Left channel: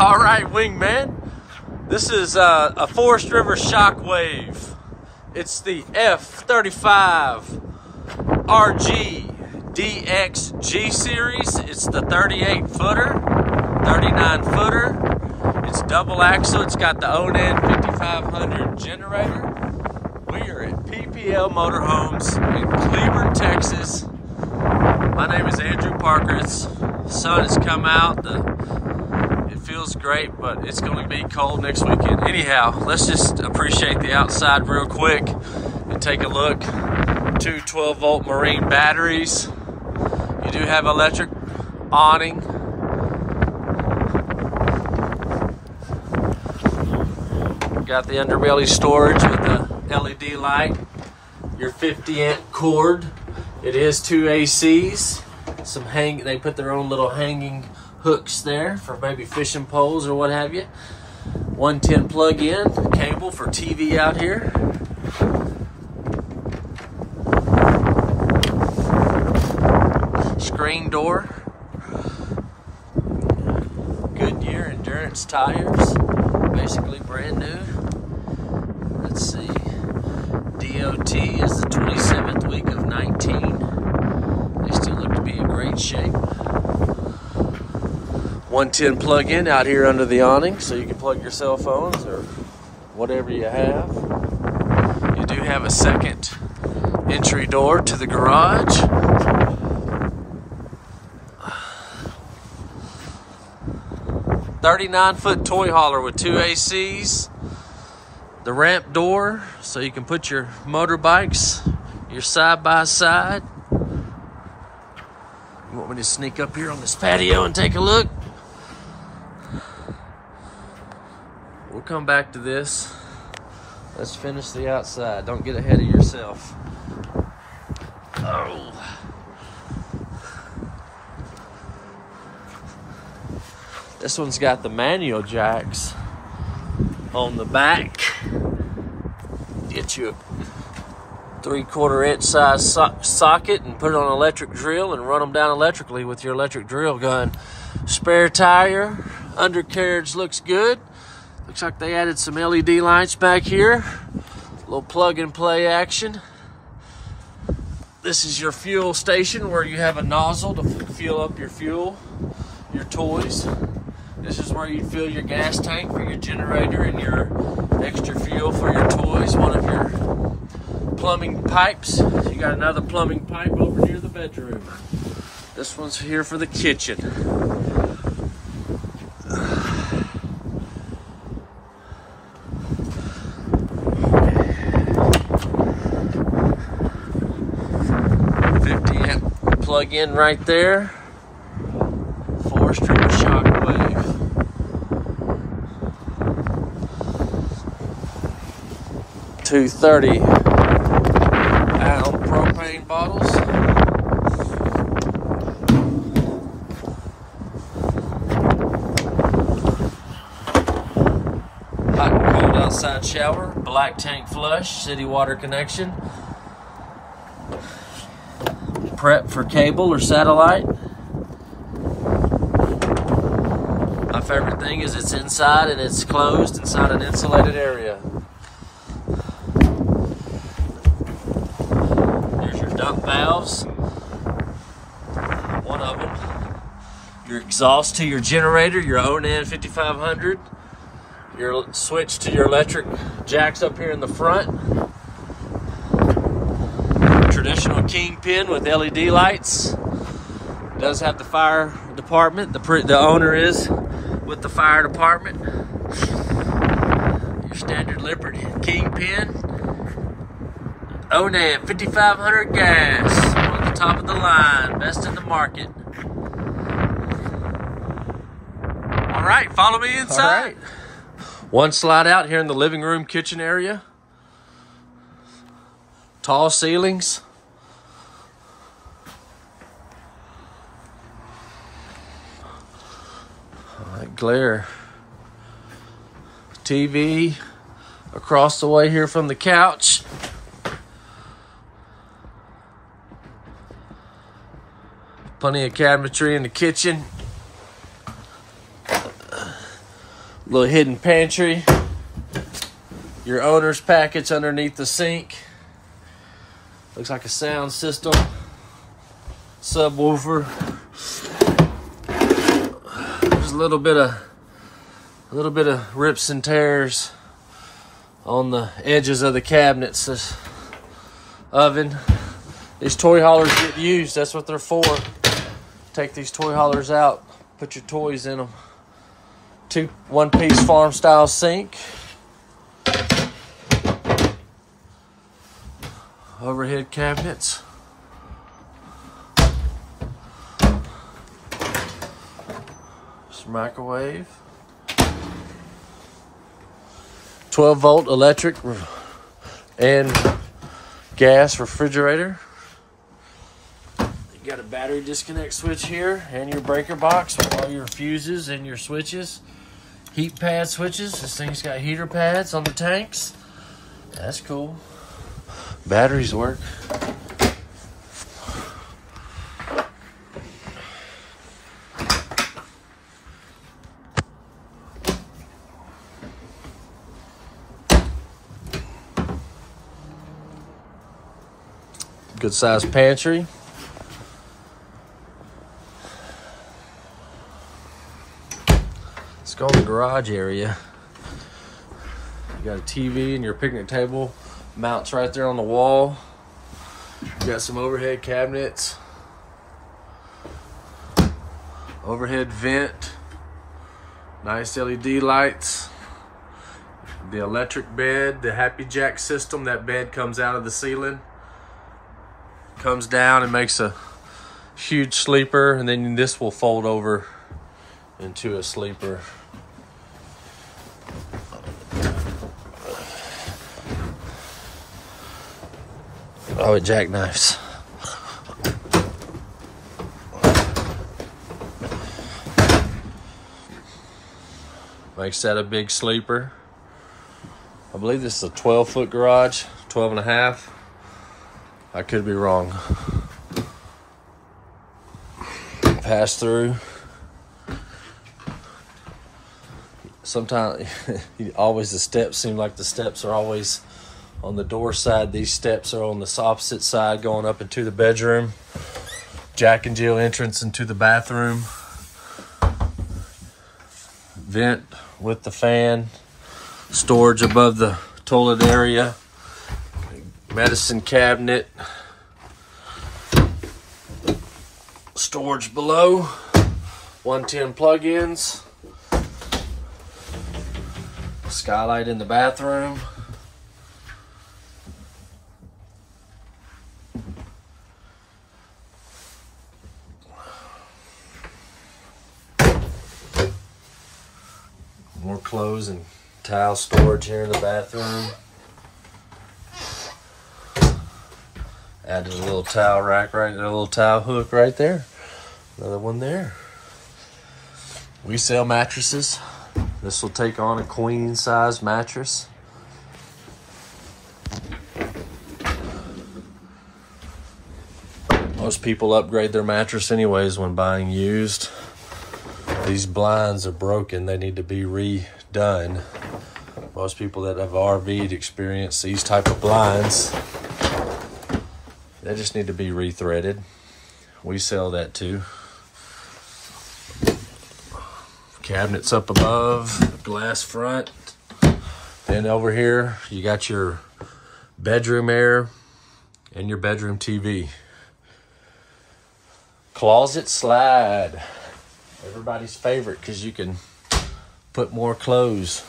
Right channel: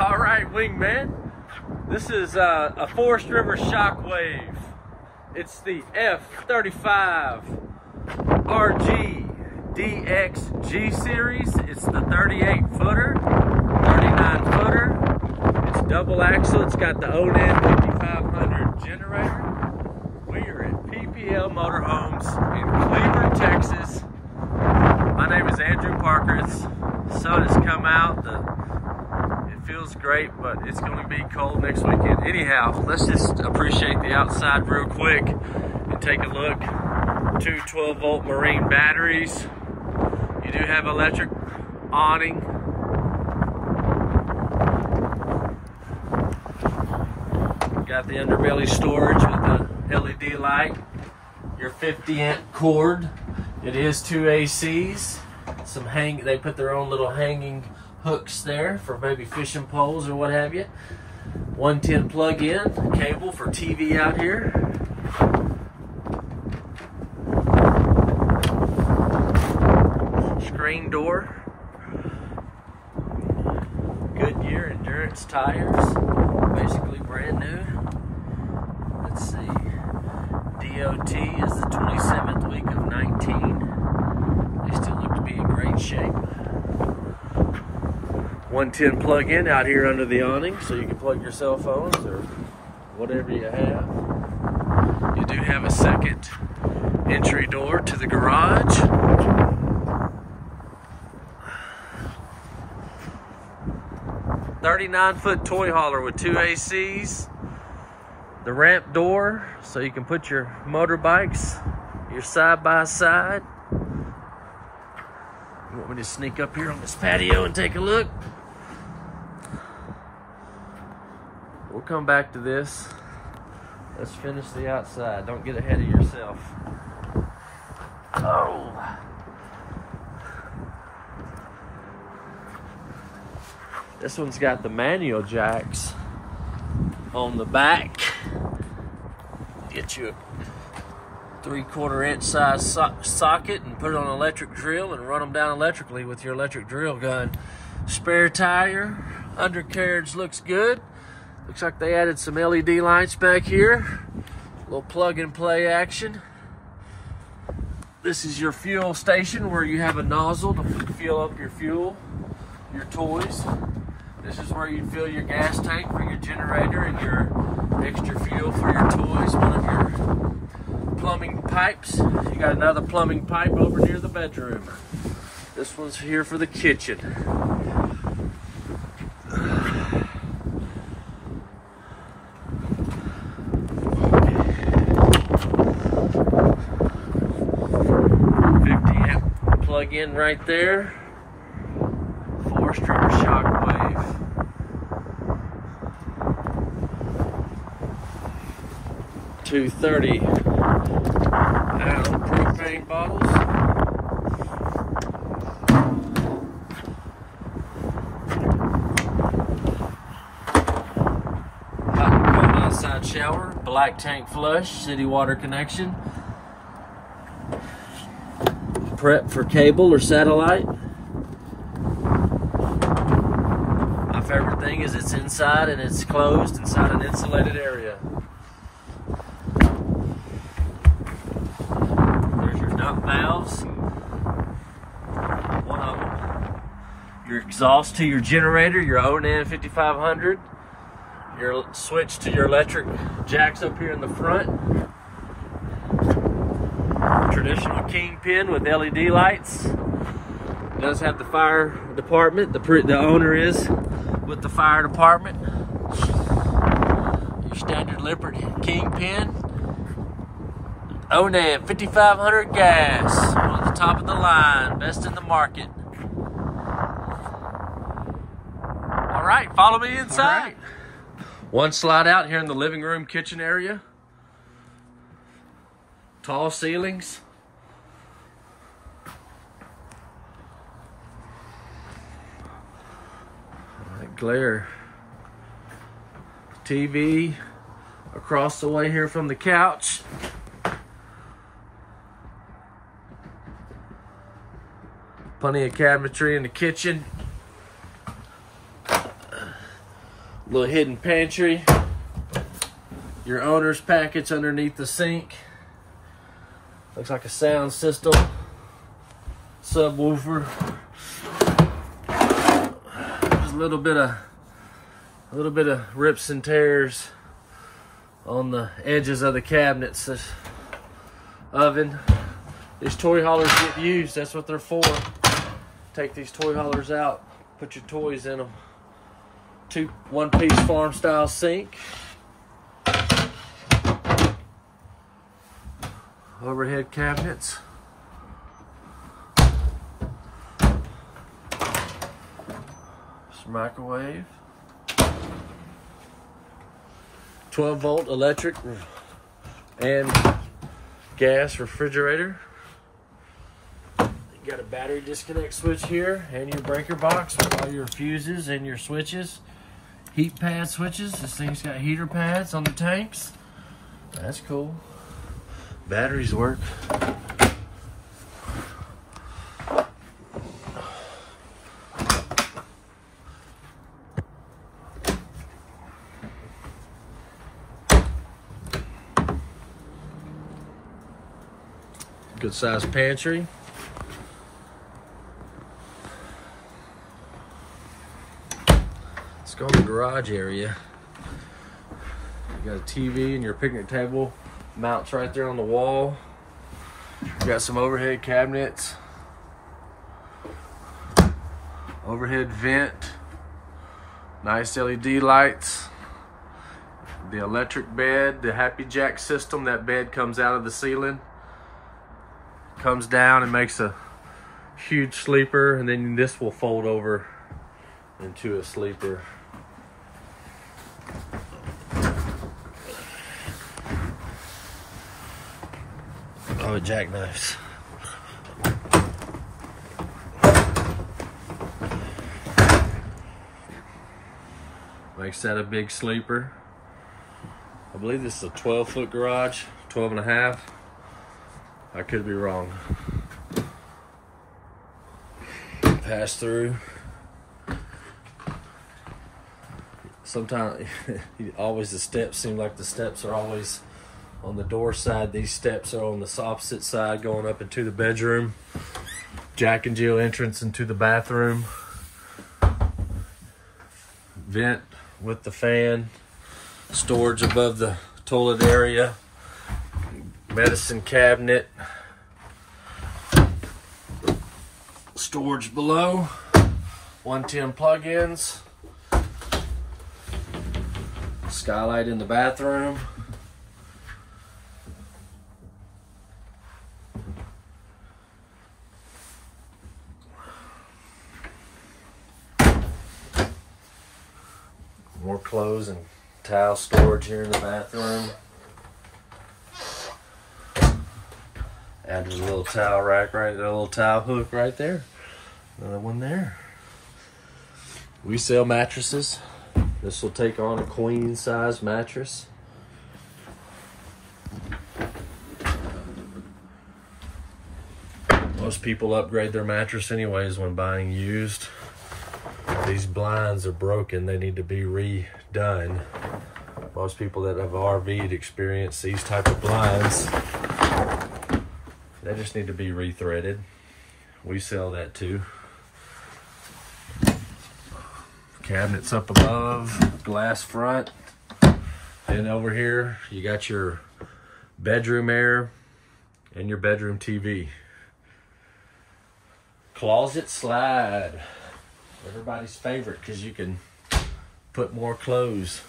All right, wingman. This is a Forest River Shockwave. It's the F35 RG DX G series. It's the 38 footer, 39 footer. It's double axle. It's got the Onan 5500 generator. We are at PPL Motorhomes in Cleburne, Texas. My name is Andrew Parker. The sun has come out. It feels great, but it's going to be cold next weekend. Anyhow, let's just appreciate the outside real quick and take a look. Two 12-volt marine batteries. You do have electric awning. Got the underbelly storage with the LED light. Your 50-amp cord. It is two ACs. They put their own little hanging hooks there for maybe fishing poles or what have you. 110 plug-in cable for TV out here. Screen door. Goodyear Endurance tires, basically brand new. Let's see. DOT is the 27th week of 19. They still look to be in great shape. 110 plug-in out here under the awning, so you can plug your cell phones or whatever you have. You do have a second entry door to the garage. "39-foot toy hauler with two ACs. The ramp door, so you can put your motorbikes, your side-by-side. You want me to sneak up here on this patio and take a look? We'll come back to this. Let's finish the outside. Don't get ahead of yourself. Oh. This one's got the manual jacks on the back. Get you a 3/4 inch size socket and put it on an electric drill and run them down electrically with your electric drill gun. Spare tire, undercarriage looks good. Looks like they added some LED lights back here. A little plug and play action. This is your fuel station where you have a nozzle to fuel up your fuel, your toys. This is where you'd fill your gas tank for your generator and your extra fuel for your toys. One of your plumbing pipes. You got another plumbing pipe over near the bedroom. This one's here for the kitchen. Plug-in right there. Forest River Shockwave. Two 30-gallon propane bottles. Hot and cold outside shower. Black tank flush. City water connection. Prep for cable or satellite. My favorite thing is it's inside and it's closed inside an insulated area. There's your dump valves. One of them. Your exhaust to your generator, your Onan 5500. Your switch to your electric jacks up here in the front. Traditional kingpin with LED lights. It does have the fire department. The owner is with the fire department. Your standard Liberty kingpin. Onan 5500 gas. One at the top of the line. Best in the market. All right, follow me inside. Right. One slide out here in the living room kitchen area. Tall ceilings. Glare. TV across the way here from the couch. Plenty of cabinetry in the kitchen. Little hidden pantry. Your owner's package underneath the sink. Looks like a sound system. Subwoofer. There's a little bit of rips and tears on the edges of the cabinets. This oven. These toy haulers get used. That's what they're for. Take these toy haulers out. Put your toys in them. One-piece farm style sink. Overhead cabinets. Microwave. 12-volt electric and gas refrigerator. You got a battery disconnect switch here and your breaker box with all your fuses and your switches. Heat pad switches. This thing's got heater pads on the tanks. That's cool. Batteries work. Good sized pantry. Let's go in the garage area. You got a TV and your picnic table mounts right there on the wall. You got some overhead cabinets. Overhead vent. Nice LED lights. The electric bed, the Happy Jack system. That bed comes out of the ceiling. Comes down and makes a huge sleeper, and then this will fold over into a sleeper. Oh, it jackknifes. Makes that a big sleeper. I believe this is a 12-foot garage, 12 and a half. I could be wrong. Pass through. Sometimes, always the steps seem like the steps are always on the door side. These steps are on the opposite side going up into the bedroom. Jack and Jill entrance into the bathroom. Vent with the fan. Storage above the toilet area. Medicine cabinet. Storage below. 110 plug-ins. Skylight in the bathroom. More clothes and towel storage here in the bathroom. Added a little towel rack right there, a little towel hook right there. Another one there. We sell mattresses. This will take on a queen size mattress. Most people upgrade their mattress anyways when buying used. These blinds are broken. They need to be redone. Most people that have RV'd experience these type of blinds. They just need to be rethreaded. We sell that too. Cabinets up above, glass front. Then over here, you got your bedroom air and your bedroom TV. Closet slide. Everybody's favorite because you can put more clothes.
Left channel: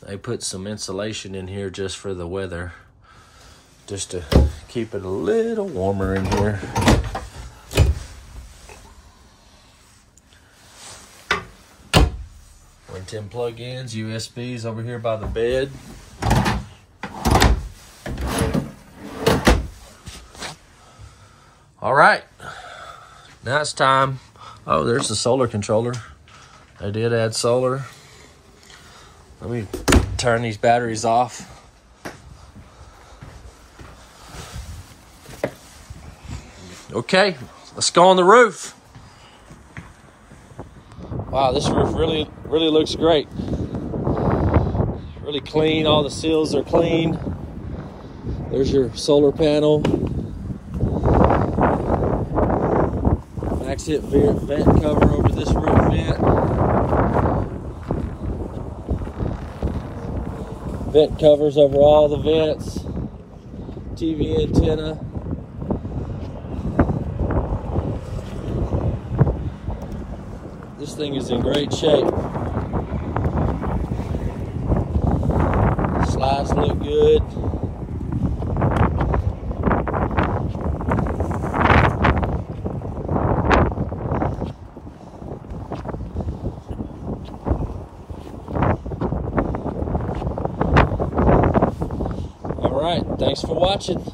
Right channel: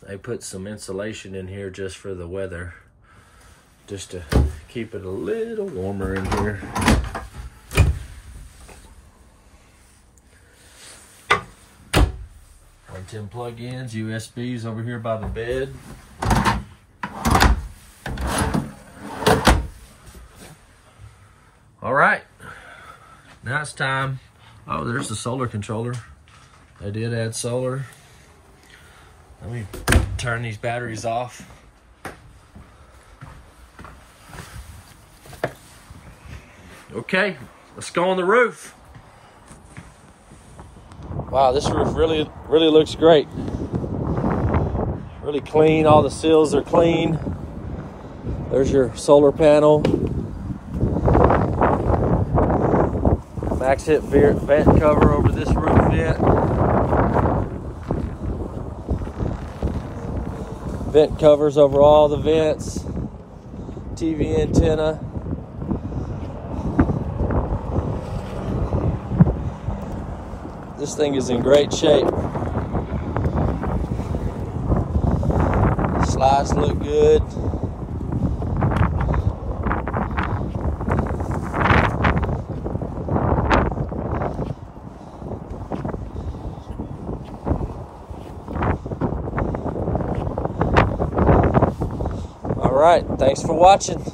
They put some insulation in here just for the weather. Just to keep it a little warmer in here. .110 plug-ins, USBs over here by the bed. All right, now it's time. Oh, there's the solar controller. I did add solar. Let me turn these batteries off. Okay, let's go on the roof. Wow, this roof really looks great. Really clean, all the seals are clean. There's your solar panel. Max hit vent cover over this roof vent. Vent covers over all the vents. TV antenna. This thing is in great shape. Slides look good. All right, thanks for watching.